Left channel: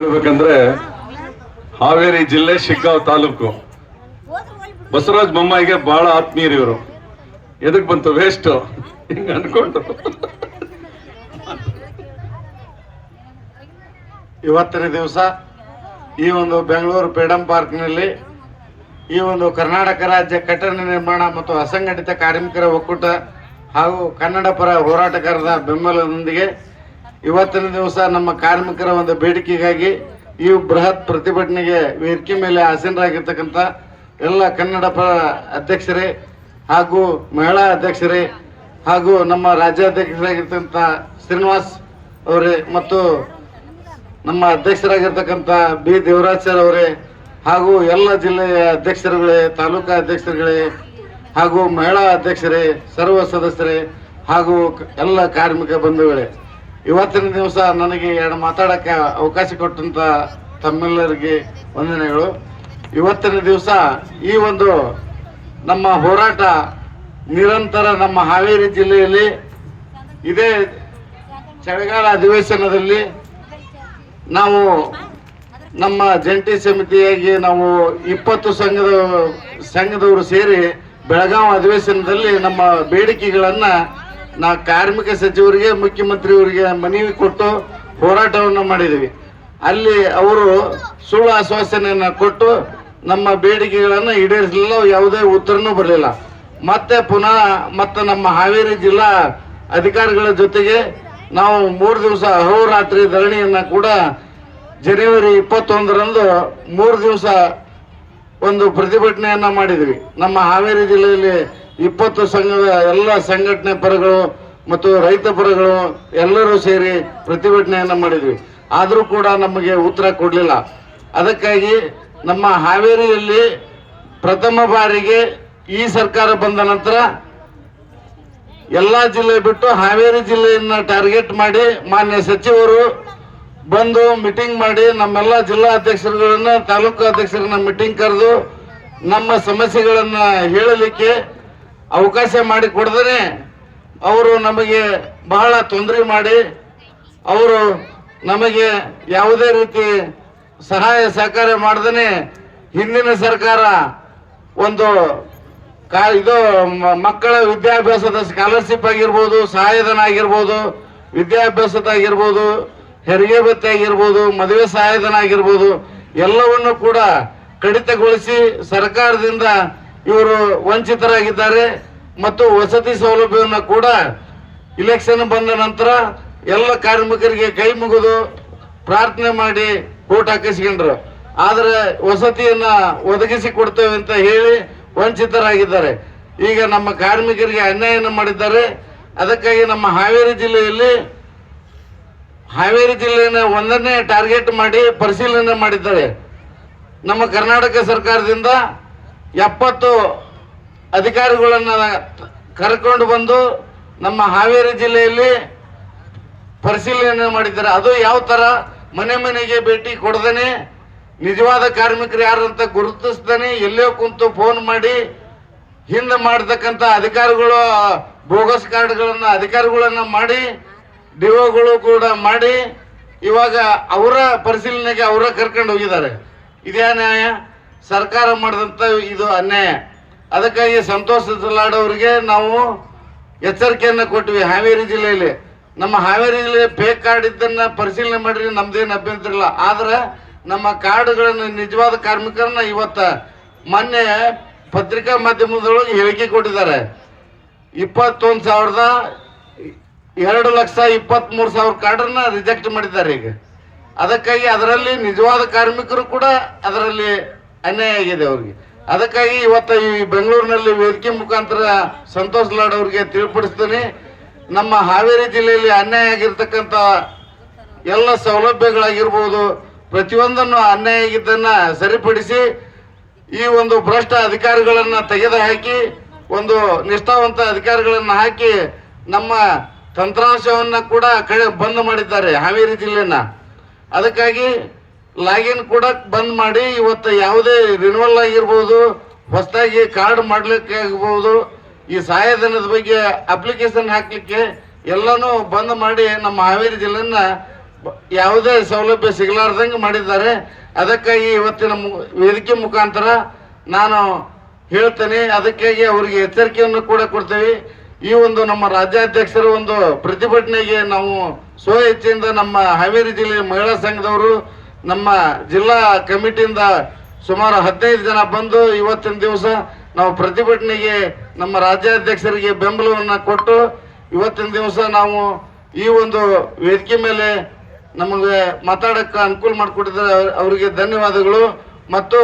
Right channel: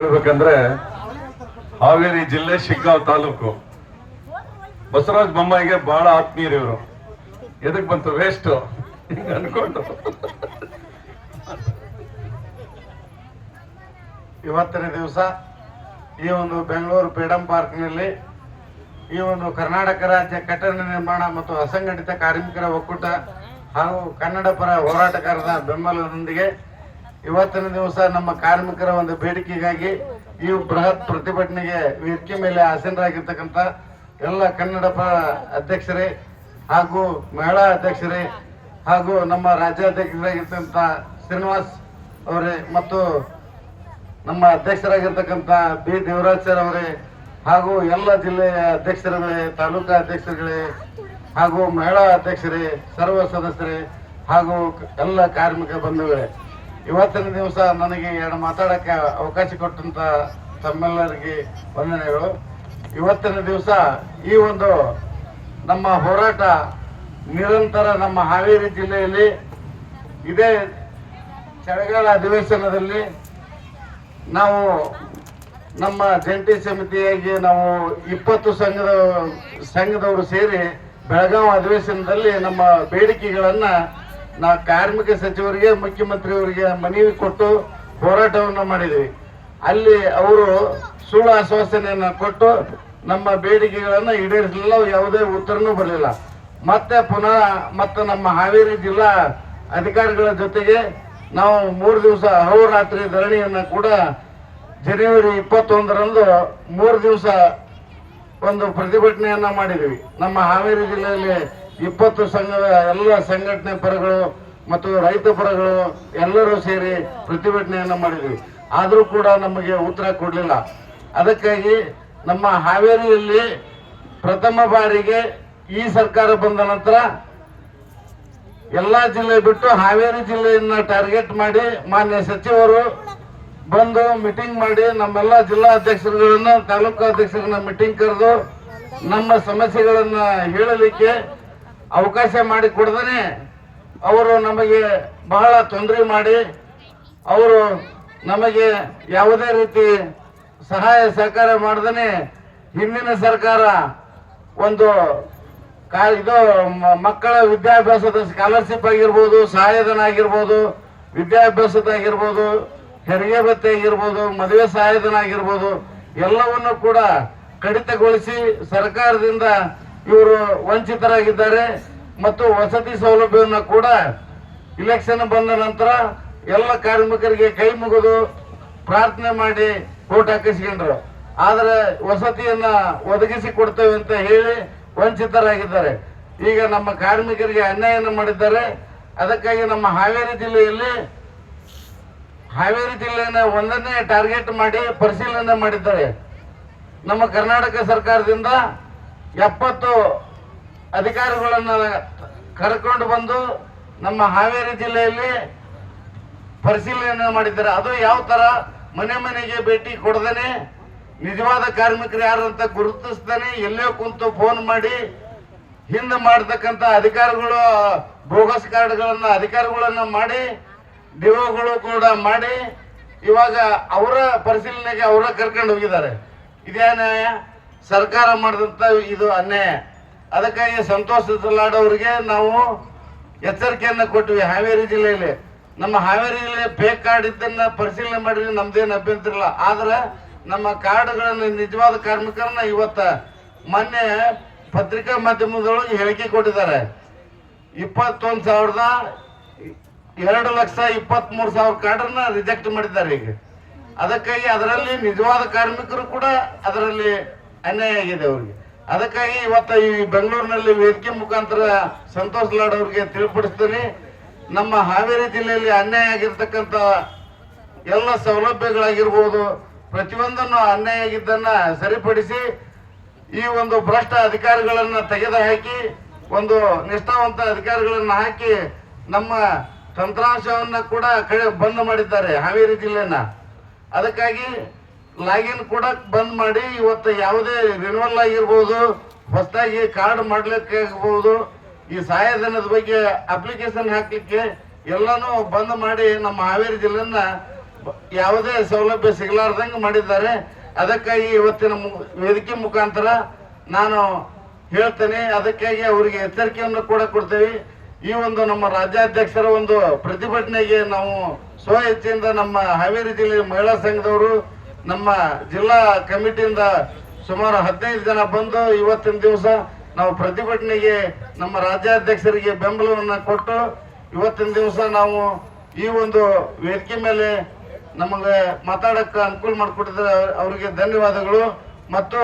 ಹೇಳ್ಬೇಕಂದ್ರೆ ಹಾವೇರಿ ಜಿಲ್ಲೆ ಶಿಗ್ಗಾಂವ್ ತಾಲೂಕು ಬಸವರಾಜ ಬೊಮ್ಮಾಯಿಗೆ ಬಹಳ ಆತ್ಮೀಯರು ಇವರು. ಎದಕ್ ಬಂತು ವೇಸ್ಟ್ ಹಿಂಗ ಅನ್ಕೊಂಡು ಇವತ್ತಿನ ದಿವಸ ಈ ಒಂದು ಬೆಂಗಳೂರು ಫ್ರೀಡಂ ಪಾರ್ಕ್ನಲ್ಲಿ ಈ ಒಂದು ಕರ್ನಾಟಕ ರಾಜ್ಯ ಕಟ್ಟಡ ನಿರ್ಮಾಣ ಮತ್ತು ಅಸಂಘಟಿತ ಕಾರ್ಮಿಕರ ಒಕ್ಕೂಟ ಹಾಗೂ ಕನ್ನಡ ಪರ ಹೋರಾಟಗಾರರ ಬೆಂಬಲದೊಂದಿಗೆ ಇವತ್ತಿನ ದಿವಸ ನಮ್ಮ ಕಾರ್ಮಿಕರ ಒಂದು ಬೇಡಿಕೆಗಾಗಿ ಈ ಬೃಹತ್ ಪ್ರತಿಭಟನೆಗೆ ವೇದಿಕೆ ಮೇಲೆ ಆಸೀನರಾಗಿರ್ತಕ್ಕಂಥ ಎಲ್ಲ ಕನ್ನಡ ಪರ ಅಧ್ಯಕ್ಷರೇ ಹಾಗೂ ಮಹಿಳಾ ಅಧ್ಯಕ್ಷರೇ ಹಾಗೂ ನಮ್ಮ ರಾಜ್ಯಾಧ್ಯಕ್ಷರಾಗಿರ್ತಕ್ಕಂಥ ಶ್ರೀನಿವಾಸ್ ಅವರೇ ಮತ್ತು ನಮ್ಮ ಅಧ್ಯಕ್ಷರಾಗಿರ್ತಕ್ಕಂಥ ಬಿ ದೇವರಾಜ್ ಸರ್ ಅವರೇ ಹಾಗೂ ಎಲ್ಲ ಜಿಲ್ಲೆಯ ಅಧ್ಯಕ್ಷರುಗಳೇ, ತಾಲೂಕಾ ಅಧ್ಯಕ್ಷರುಗಳೇ ಹಾಗೂ ಮಹಿಳಾ ಅಧ್ಯಕ್ಷರೇ, ಸರ್ವ ಸದಸ್ಯರೇ ಹಾಗೂ ಎಲ್ಲ ಕಾರ್ಮಿಕ ಬಂಧುಗಳೇ, ಇವತ್ತಿನ ದಿವಸ ನನಗೆ ಎರಡು ಮಾತಾಡಕ್ಕೆ ಅವಕಾಶ ಕೊಟ್ಟಂತ ತಮ್ಮೆಲ್ಲರಿಗೆ ವಂದನೆಗಳು. ಇವತ್ತಿನ ದಿವಸ ಈ ಒಂದು ನಮ್ಮ ಹೋರಾಟ ನಿರಂತರ ನಮ್ಮ ಹಾವೇರಿ ಜಿಲ್ಲೆಯಲ್ಲಿ ಇದೇ ಚಳಿಗಾಲ ಅಧಿವೇಶನದಲ್ಲಿ ನಾವು ನಮ್ಮ ಜಂಟಿ ಸಮಿತಿಯಾಗಿ ನಾವು 20 ಸಂಘದವರು ಸೇರಿ ಬೆಳಗಾವಿ ಅಧಿವೇಶನದಲ್ಲಿ ನಮ್ಮ ಬೇಡಿಕೆಗಳನ್ನ ಕಾರ್ಮಿಕ ಸಚಿವರಿಗೆ, ಮುಖ್ಯಮಂತ್ರಿಯವರಿಗೆ ಮನವಿ ಕೊಟ್ಟು ಹೋರಾಟವನ್ನು ಮಾಡಿದ್ವಿ. ಅಲ್ಲಿ ಅವರು ಸುಳ್ಳು ಆಶ್ವಾಸನೆಯನ್ನು ಕೊಟ್ಟು ನಮ್ಮ ಬೇಡಿಕೆಗಳನ್ನು ಈಡೇರಿಸಲಿಲ್ಲ, ಯಾವುದೇ ಉತ್ತರನೂ ಬರಲಿಲ್ಲ. ಮತ್ತೆ ನಮ್ಮ ಹಾವೇರಿ ಜಿಲ್ಲಾ ಅಧಿಕಾರಿಗಳ ಜೊತೆಗೆ ನಾವು 3 ದಿವಸ ಅಹೋರಾತ್ರಿ ಧರಣಿಯನ್ನ ಕೂಡ ಜನವರಿ 21ರಂದು 3 ದಿವಸ ಒಂದು ಪ್ರತಿಭಟನೆಯನ್ನ ಮಾಡಿದ್ವಿ. ನಮ್ಮ ಹಾವೇರಿ ಜಿಲ್ಲೆಯಲ್ಲಿ 20 ಸಂಘದ ಎಲ್ಲ ಸಂಘಟನೆ ಪರಗಳು ಮತ್ತು ರೈತ ಪರಗಳು ಎಲ್ಲರೂ ಸೇರಿ ಪ್ರತಿಭಟನೆಯನ್ನ ಮಾಡಿದ್ವಿ. ಆದರೂ ಕೂಡ ನಮಗೆ ಉತ್ತರ ಕೊಡಲಿಲ್ಲ. ಅದಕ್ಕಾಗಿ ನಮ್ಮ ಹಾವೇರಿಯಲ್ಲಿ ಪ್ರಥಮ ಬಾರಿಗೆ ಈ ಸರ್ಕಾರ ಬಂದ ನಂತರ ಎಲ್ಲಾ ಜಿಲ್ಲೆ ಬಿಟ್ಟು ಹಾವೇರಿ ಜಿಲ್ಲೆಯನ್ನ ಟಾರ್ಗೆಟ್ ಮಾಡಿ ಮಾನ್ಯ ಸಚಿವರು ಬಂದು ಮೀಟಿಂಗ್ ಮಾಡಿ ನಮ್ಮೆಲ್ಲ ಜಿಲ್ಲಾ ಅಧ್ಯಕ್ಷರುಗಳನ್ನ, ತಾಲೂಕು ಅಧ್ಯಕ್ಷರನ್ನ ಮೀಟಿಂಗ್ ಕರೆದು ನಮ್ಮ ಸಮಸ್ಯೆಗಳನ್ನ ಹೇಳಲಿಕ್ಕೆ ಅವಕಾಶ ಮಾಡಿ ಕೊಡದೇ ಅವರು ನಮಗೆ ಬಹಳ ತೊಂದರೆ ಮಾಡಿ ಅವರು ನಮಗೆ ಯಾವುದೇ ರೀತಿ ಸಹಾಯ ಸಹಕಾರ ಮಾಡದೇ ಹಿಂದಿನ ಸರ್ಕಾರ ಒಂದು ಇದು ಮಕ್ಕಳ ವಿದ್ಯಾಭ್ಯಾಸದ ಸ್ಕಾಲರ್ಶಿಪ್ ಆಗಿರ್ಬೋದು, ಸಹಾಯಧನ ಆಗಿರ್ಬೋದು, ವಿದ್ಯಾಭ್ಯಾಸದಾಗಿರ್ಬೋದು, ಹೆರಿಗೆ ಭತ್ಯೆ ಆಗಿರ್ಬೋದು, ಮದುವೆ ಸಹಾಯಧನ ಆಗಿರ್ಬೋದು, ಎಲ್ಲವನ್ನು ಕೂಡ ಕಡಿತಗೊಳಿಸಿ ಸರ್ಕಾರದಿಂದ ಇವರು ವಂಚಿತರಾಗಿದ್ದಾರೆ. ಮತ್ತು ವಸತಿ ಸೌಲಭ್ಯವನ್ನು ಕೂಡ ಇಲೆಕ್ಷನ್ ಬಂದ ನಂತರ ಎಲ್ಲ ಕಾರ್ಮಿಕರಿಗೆ ಕೈ ಮುಗಿದು ಪ್ರಾರ್ಥನೆ ಮಾಡಿ ವೋಟ್ ಹಾಕಿಸ್ಕೊಂಡ್ರು. ಆದ್ರೆ ವಸತಿಯನ್ನ ಒದಗಿಸಿ ಕೊಡ್ತೇವೆ ಅಂತ ಹೇಳಿ ವಂಚಿತರಾಗಿದ್ದಾರೆ. ಈಗ ನಮ್ಮ ಕಾರ್ಮಿಕರಿಗೆ ಅನ್ಯಾಯನ ಮಾಡಿದ್ದಾರೆ. ಅದಕ್ಕಾಗಿ ನಮ್ಮ ಹಾವೇರಿ ಜಿಲ್ಲೆಯನ್ನು ಒಂದನ್ನೇ ಟಾರ್ಗೆಟ್ ಮಾಡಿ ಪರಿಶೀಲನೆ ಮಾಡಿದ್ದಾರೆ. ನಮ್ಮ ಕರ್ನಾಟಕ ಸರ್ಕಾರದಿಂದ 70 ಅಧಿಕಾರಿಗಳನ್ನ ಕರ್ಕೊಂಡು ಬಂದು ನಮ್ಮ ಹಾವೇರಿ ಜಿಲ್ಲೆಯಲ್ಲಿ ಪರಿಶೀಲನೆ ಮಾಡಿದ್ದಾರೆ. ಅದು ಯಾವ ತರ ಮನೆ ಮನೆಗೆ ಭೇಟಿ ಕೊಡದೇನೆ, ನಿಜವಾದ ಕಾರ್ಮಿಕರು ಯಾರಂತ ಗುರುತಿಸ್ತಾನೆ, ಎಲ್ಲೋ ಕುಂತು ಫೋನ್ ಮಾಡಿ ಹಿಂದೆ ಮಾಡತಕ್ಕಂತ ಅಧಿಕಾರಿಗಳು ಬೋಗಸ್ ಕಾರ್ಡ್ಗಳನ್ನ ಅಧಿಕಾರಿಗಳನ್ನ ಮಾಡಿ ಡಿಒಗಳು ಕೂಡ ಮಾಡಿ ಇವಾಗ ಅವರ ಪರಿಶೀಲನೆಗೆ ಅವರ ಕರ್ಕೊಂಡು ಹೋಗಿದ್ದಾರೆ. ಇದೇ ನ್ಯಾಯ? ಸರ್ಕಾರ ಮಾಡಿದಂತ ಇದು ಅನ್ಯಾಯ. ಅದಕ್ಕಾಗಿ ಸಂತೋಷ್ ಸಲಾಡ್ ಅವರಿಗೆ ನಾವು ಎಚ್ಚರಿಕೆಯನ್ನ ಕೊಟ್ವಿ. ಹಾವೇರಿ ಜಿಲ್ಲೆಯಲ್ಲಿ ನಮ್ಮ ಹಾವೇರಿ ಜಿಲ್ಲೆ ಫೇಕ್ ಕಾರ್ಡ್ ಇದ್ದನ್ನ ಪರಿಶೀಲನೆ ಮಾಡಿ ನಮ್ದೇನು ಅಭ್ಯಂತರ ಇಲ್ಲ. ಆದ್ರೆ ನಮ್ಮ ಕಾರ್ಡ್ಗಳನ್ನ ನಿಜವಾದ ಕಾರ್ಮಿಕರನ್ನ ಇವತ್ತ ಮೊನ್ನೆ ಪತ್ರಿಕಾ ಮಾಧ್ಯಮದೊಳಗೆ ಹೇಳಿಕೆ ಕೊಟ್ಟಿದ್ದಾರೆ. 2,23,000 ಕಾರ್ಡನ್ನ ರಿಜೆಕ್ಟ್ ಮಾಡಿದ್ದಾರೆ ಈಗ. ಅದಕ್ಕಾಗಿ ಅದರಲ್ಲಿ ನಿಜವಾದ ಕಾರ್ಮಿಕರು ಕೂಡ ಅದರಲ್ಲಿ ಅನ್ಯಾಯ ಆಗಿದೆ ಅವ್ರಿಗೆ. ಅದಕ್ಕಾಗಿ ಇವತ್ತು ಈ ಬೆಂಗಳೂರಿನಲ್ಲಿ ವೇದಿಕೆ ಮುಖಾಂತರ ಸಂತೋಷ್ ಲಾಡ್ ಅವರಿಗೆ ತಿಳಿಪಡಿಸ್ತೇನೆ, ನಮ್ಮ ಹಾವೇರಿ ಜಿಲ್ಲೆಯಲ್ಲಿ ಅನ್ಯಾಯ ಆಗಿರ್ತಕ್ಕಂಥ ಎಲ್ಲ ಸೌಲಭ್ಯಗಳಾಗಿರ್ಬೋದು, ಪ್ರತಿಯೊಂದನ್ನು ಅನ್ಯಾಯ ಆಗಿದ್ದನ್ನ ಸರಿಪಡಿಸಿ ಈ ಒಂದು ಭ್ರಷ್ಟ ಅಧಿಕಾರಿಗಳನ್ನ ತೆಗೆದುಹಾಕಿ ಒಂದು ನಿಷ್ಠಾವಂತ ಅಧಿಕಾರಿಗಳನ್ನ ಹಾಕಿ ನಮ್ಮ ತಂತ್ರಾಂಶವನ್ನ ಕೂಡ ಬಂದ್ ಮಾಡಿದ್ದಾರೆ ಹಾವೇರಿ ಜಿಲ್ಲೆನ. ಅದಕ್ಕಾಗಿ ಲಾಗಿನ್ ಕೂಡ ಬಂದ್ ಮಾಡಿ ಇವತ್ತು ಯಾವುದೇ ರಿನ್ಯೂವಲ್ ಆಗಿರ್ಬೋದು, ಹೊಸದಾಗಿ ಕಾರ್ಡ್ ಮಾಡ್ಲಿಕ್ಕೆ ಆಗಬಹುದು, ಈ ಸಹಾಯಧನದ ಬಗ್ಗೆ ಅಪ್ಲಿಕೇಶನ್ ಹಾಕ್ಲಿಕ್ಕೆ ಎಲ್ಲಾನು ಬಂದ್ ಮಾಡಿ ನಮ್ಮ ಹಾವೇರಿ ಜಿಲ್ಲೆಯನ್ನ ಯಾವುದೇ ಸೌಲಭ್ಯ ಸಿಗಲಾರ್ದಂಗೆ ಮಾಡಿದ್ದಾರೆ. ಅದಕ್ಕಾಗಿ ಇವತ್ತಿನ ವೇದಿಕೆ ಮುಖಾಂತರ ನಾನು ಹೇಳ್ತೇನೆ, ಅದಕ್ಕಾಗಿ ಅವರಿಗೆ ಎಚ್ಚರಿಕೆಯನ್ನು ಕೂಡ ಕೊಡ್ತೀವಿ. ಈ ಒಂದು ನಮ್ಮ ರಾಜ್ಯಾಧ್ಯಕ್ಷರ ಒಂದು ಪ್ರತಿಭಟನೆಗೆ ನಾವು ಸ್ವಇಚ್ಛೆಯಿಂದ ನಮ್ಮ ಹಾವೇರಿ ಜಿಲ್ಲೆ ಮಹಿಳಾ ಸಂಘದವರು ನಮ್ಮ ಜಿಲ್ಲಾ ಕಮಿಟಿಯಿಂದ ಸುಮಾರು 15 ಜನ ಬಂದು ಇವತ್ತಿನ ದಿವಸ ನಾವು ಪ್ರತಿಭಟನೆಗೆ ನಮ್ಮ ರಾಜ್ಯಾಧ್ಯಕ್ಷರಿಗೆ ಬೆಂಬಲವನ್ನು ಕೊಟ್ಟು ಇವತ್ತಿನ ದಿವಸ ನಾವು ಈ ಒಂದು ವೇದಿಕೆ ಮೇಲೆ ನಮಗೆ ಮಾತಾಡಕ್ಕೆ ಅನುಕೂಲ ಮಾಡಿಕೊಟ್ಟಿದ್ದಾರೆ. ಅವರಿಗೆ ಧನ್ಯವಾದಗಳು. ಮತ್ತು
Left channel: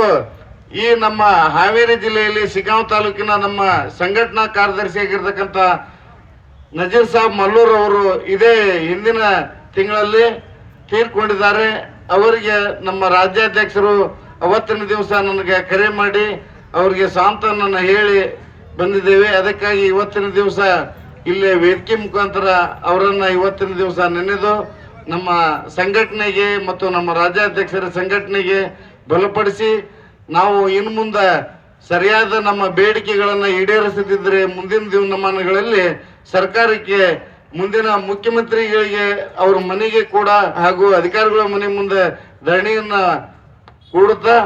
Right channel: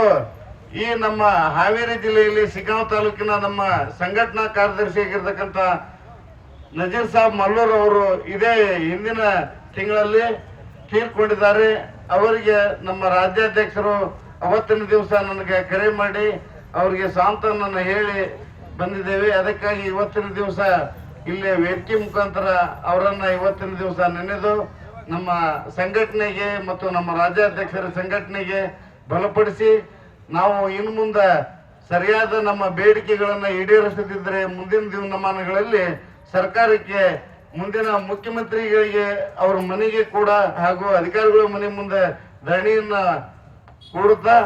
ಈ ನಮ್ಮ ಹಾವೇರಿ ಜಿಲ್ಲೆಯಲ್ಲಿ ಶಿಗ್ಗಾಂವ್ ತಾಲೂಕಿನ ನಮ್ಮ ಸಂಘಟನಾ ಕಾರ್ಯದರ್ಶಿಯಾಗಿರ್ತಕ್ಕಂಥ ನಜೀರ್ ಸಾಬ್ ಮಲ್ಲೂರ್ ಅವರು ಇದೇ ಹಿಂದಿನ ತಿಂಗಳಲ್ಲಿ ತೀರ್ಕೊಂಡಿದ್ದಾರೆ. ಅವರಿಗೆ ನಮ್ಮ ರಾಜ್ಯಾಧ್ಯಕ್ಷರು ಅವತ್ತಿನ ದಿವಸ ನನಗೆ ಕರೆ ಮಾಡಿ ಅವರಿಗೆ ಸಾಂತ್ವನ ಹೇಳಿ ಬಂದಿದ್ದೇವೆ. ಅದಕ್ಕಾಗಿ ಇವತ್ತಿನ ದಿವಸ ಇಲ್ಲೇ ವೇದಿಕೆ ಮುಖಾಂತರ ಅವರನ್ನ ಇವತ್ತಿನ ದಿವಸ ನೆನೆದು ನಮ್ಮ ಸಂಘಟನೆಗೆ ಮತ್ತು ನಮ್ಮ ರಾಜ್ಯಾಧ್ಯಕ್ಷರ ಸಂಘಟನೆಗೆ ಬಲಪಡಿಸಿ ನಾವು ಇನ್ನು ಮುಂದೆ ಸರಿಯಾದ ನಮ್ಮ ಬೇಡಿಕೆಗಳನ್ನು ಈಡೇರಿಸದಿದ್ದರೆ ಮುಂದಿನ ದಿನಮಾನಗಳಲ್ಲಿ ಸರ್ಕಾರಕ್ಕೆ ಮುಂದಿನ ಮುಖ್ಯಮಂತ್ರಿಗಳಿಗೆ ಅವ್ರ ಮನೆಗೆ ಕೂಡ ಹಾಗೂ ಅಧಿಕಾರಿಗಳ ಮನೆ ಮುಂದೆ ಧರಣಿಯನ್ನ ಕೂಡುತ್ತಾ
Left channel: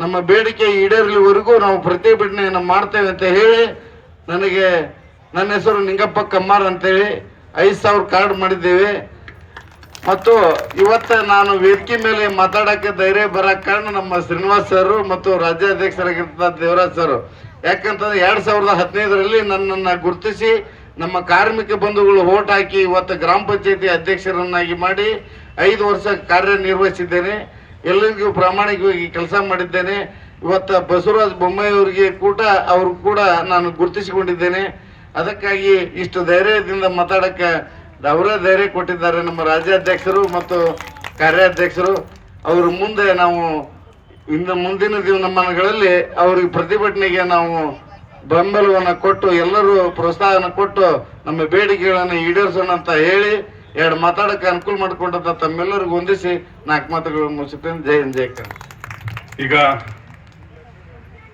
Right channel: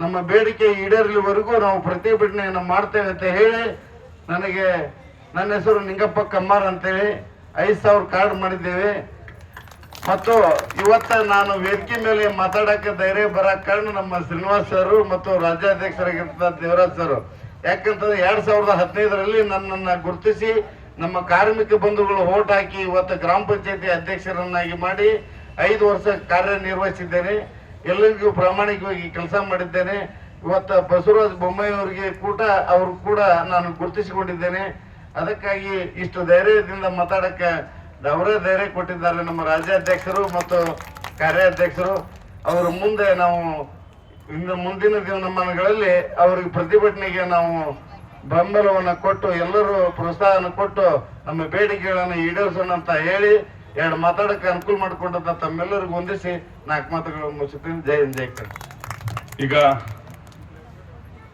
ನಮ್ಮ ಬೇಡಿಕೆ ಈಡೇರಲಿವರೆಗೂ ನಾವು ಪ್ರತಿಭಟನೆಯನ್ನು ಮಾಡ್ತೇವೆ ಅಂತ ಹೇಳಿ, ನನಗೆ ನನ್ನ ಹೆಸರು ನಿಂಗಪ್ಪ ಕಮ್ಮಾರ್ ಅಂತೇಳಿ 5,000 ಕಾರ್ಡ್ ಮಾಡಿದ್ದೇವೆ. ಮತ್ತು ಇವತ್ತು ನಾನು ವೇದಿಕೆ ಮೇಲೆ ಮಾತಾಡಕ್ಕೆ ಧೈರ್ಯ ಬರಕ್ಕೆ ಕಾರಣ ನಮ್ಮ ಶ್ರೀನಿವಾಸ್ ಸರ್ ಮತ್ತು ರಾಜ್ಯಾಧ್ಯಕ್ಷರಾಗಿರ್ತ ದೇವರಾಜ್ ಸರ್. ಯಾಕಂತಂದ್ರೆ 2015ರಲ್ಲಿ ನನ್ನನ್ನು ಗುರುತಿಸಿ ನಮ್ಮ ಕಾರ್ಮಿಕ ಬಂಧುಗಳು ಓಟ್ ಹಾಕಿ ಇವತ್ತು ಗ್ರಾಮ ಪಂಚಾಯತಿ ಅಧ್ಯಕ್ಷರನ್ನಾಗಿ ಮಾಡಿ 5 ವರ್ಷ ಕಾರ್ಯನಿರ್ವಹಿಸಿದ್ದೇನೆ. ಎಲ್ಲರಿಗೂ ಪ್ರಾಮಾಣಿಕವಾಗಿ ಕೆಲಸ ಮಾಡಿದ್ದೇನೆ. ಇವತ್ತು ಬಸವರಾಜ ಬೊಮ್ಮಾಯಿ ಅವರಿಗೆ ಅವರು ಕೂಡ ನಾನು ಗುರುತಿಸಿಕೊಂಡಿದ್ದೇನೆ. ಅದಕ್ಕಾಗಿ ಇಷ್ಟು ಧೈರ್ಯದಿಂದ ಮಾತಾಡಕ್ಕೆ ಅವರೇ ಧೈರ್ಯ ಕೊಟ್ಟಿದ್ದಾರೆ ನಮ್ಮ ರಾಜ್ಯಾಧ್ಯಕ್ಷರು ಮತ್ತು ಕಾರ್ಯಾಧ್ಯಕ್ಷರು. ಅವ್ರ ಮುಂದೆ ನಾವು ಇನ್ನು ಮುಂದಿನ ದಿನಮಾನಗಳಲ್ಲಿ ಅವ್ರಿಗೆ ಪ್ರತಿಭಟನೆಗೆ ನಾವು ಬೆಂಬಲವನ್ನು ಕೊಟ್ಟು ಎಲ್ಲರೂ ಪ್ರೋತ್ಸಾಹನ ಕೊಟ್ಟು ನಮ್ಮ ಬೇಡಿಕೆಗಳನ್ನು ಈಡೇರಿಸೋಣ ಅಂತ ಹೇಳಿ 2 ಮಾತಾಡಕ್ಕೆ ಅನುಕೂಲ ಮಾಡಿಕೊಂಡಂತ ತಮ್ಮೆಲ್ಲರಿಗೂ ಹೊಂದಿಸಿ 4 ಮಾತುಗಳನ್ನು ಮುಗಿಸುತ್ತೇನೆ. ಜೈ ಹಿಂದ್, ಜೈ ಕನ್ನಡ. ಈಗ